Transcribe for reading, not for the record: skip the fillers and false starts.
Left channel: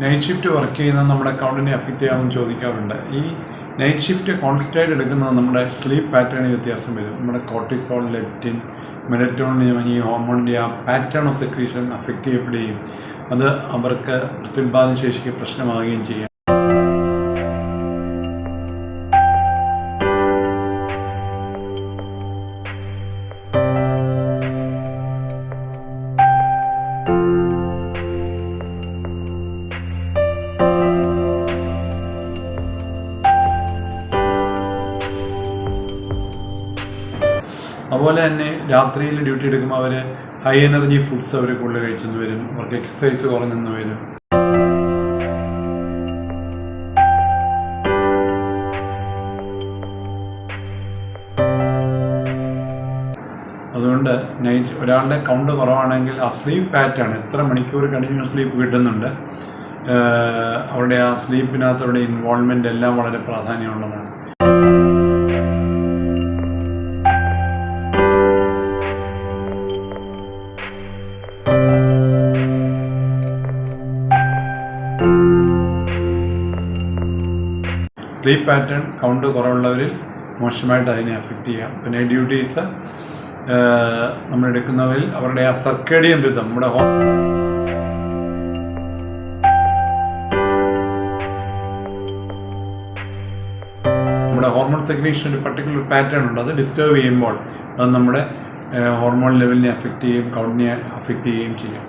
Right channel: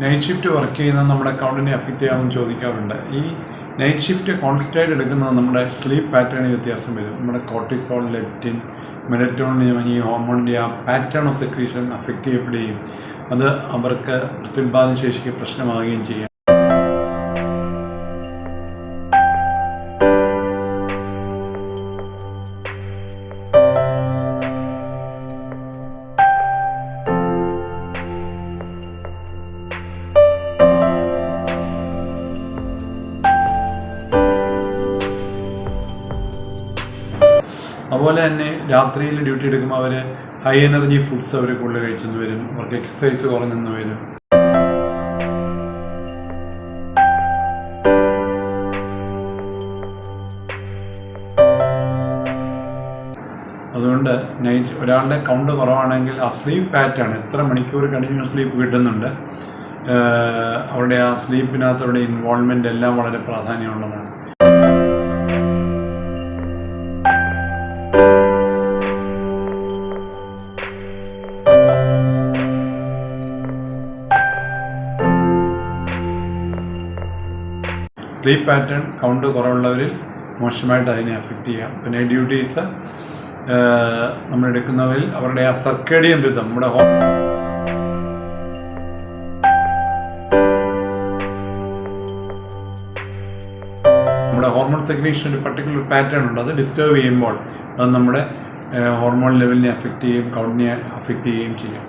Night shift work ചെയ്യുന്നത് നമ്മുടെ അക്കൗണ്ടിനെ affect ചെയ്യാമെന്ന് ചോദിക്കാറുണ്ട്. ഈ നൈറ്റ് ഷിഫ്റ്റ് കോൺസ്റ്റൻ്റ് എടുക്കുന്നത് നമ്മുടെ സ്ലീപ്പ് പാറ്റേണിൽ വ്യത്യാസം വരും. നമ്മുടെ കോർട്ടിസോൾ, ലെപ്റ്റിൻ, മെലറ്റോണിൻ ഈ ഹോർമോണിൻ്റെ ആ പാറ്റേൺ ഓഫ് സെക്രീഷൻ അഫക്റ്റ് ചെയ്യപ്പെടുകയും അത് അവർക്ക് പ്രത്യുൽപാദന ശേഷിക്ക് പ്രശ്നമാവുകയും ചെയ്യാം. അതുപോലെ തന്നെ രാത്രിയിൽ ഡ്യൂട്ടി എടുക്കുമ്പോൾ അവർ ഹൈ എനർജി ഫുഡ്സ് അവർ കൂടുതൽ കഴിച്ചെന്ന് വരും, അവർക്ക് എക്സസൈസ് കുറഞ്ഞെന്ന് വരും. അതുകൊണ്ട് ഒരാളുടെ കൗണ്ട് കുറവാണെങ്കിൽ ആ സ്ലീപ്പ് പാറ്റേൺ എത്ര മണിക്കൂർ കണ്ടിന്യൂസ് സ്ലീപ്പ് കിട്ടുന്നുണ്ട്, അവരുടെ ആ സ്ലീപ്പിനകത്ത് അവരുടെ ഇൻവോൾവ്മെൻ്റ് എല്ലാം വളരെ പ്രാധാന്യമുള്ളതാണ്. സ്ലീപ്പ് പാറ്റേൺ കൗണ്ട് കുറവുള്ളവരിൽ മോശമായിട്ട് അതിനെ അഫക്റ്റ് ചെയ്യാം. പിന്നെ ഡ്യൂട്ടീസ് നമ്മൾ എടുക്കുന്നവരിൽ അവരുടെ ആ സർക്കേഡിയൻ റിതം, നമ്മുടെ ഹോർമോൺ സെക്രീഷൻ ഒരു പർട്ടിക്കുലർ പാറ്റേൺ ഉണ്ട്. അത് ഡിസ്റ്റർബ് ചെയ്യുമ്പോൾ അത് നമ്മുടെ ഹോർമോൺ ലെവലിനെ അഫക്റ്റ് ചെയ്യും, കൗണ്ടിനെ അഫക്റ്റ് ചെയ്യുകയും ചെയ്യാം.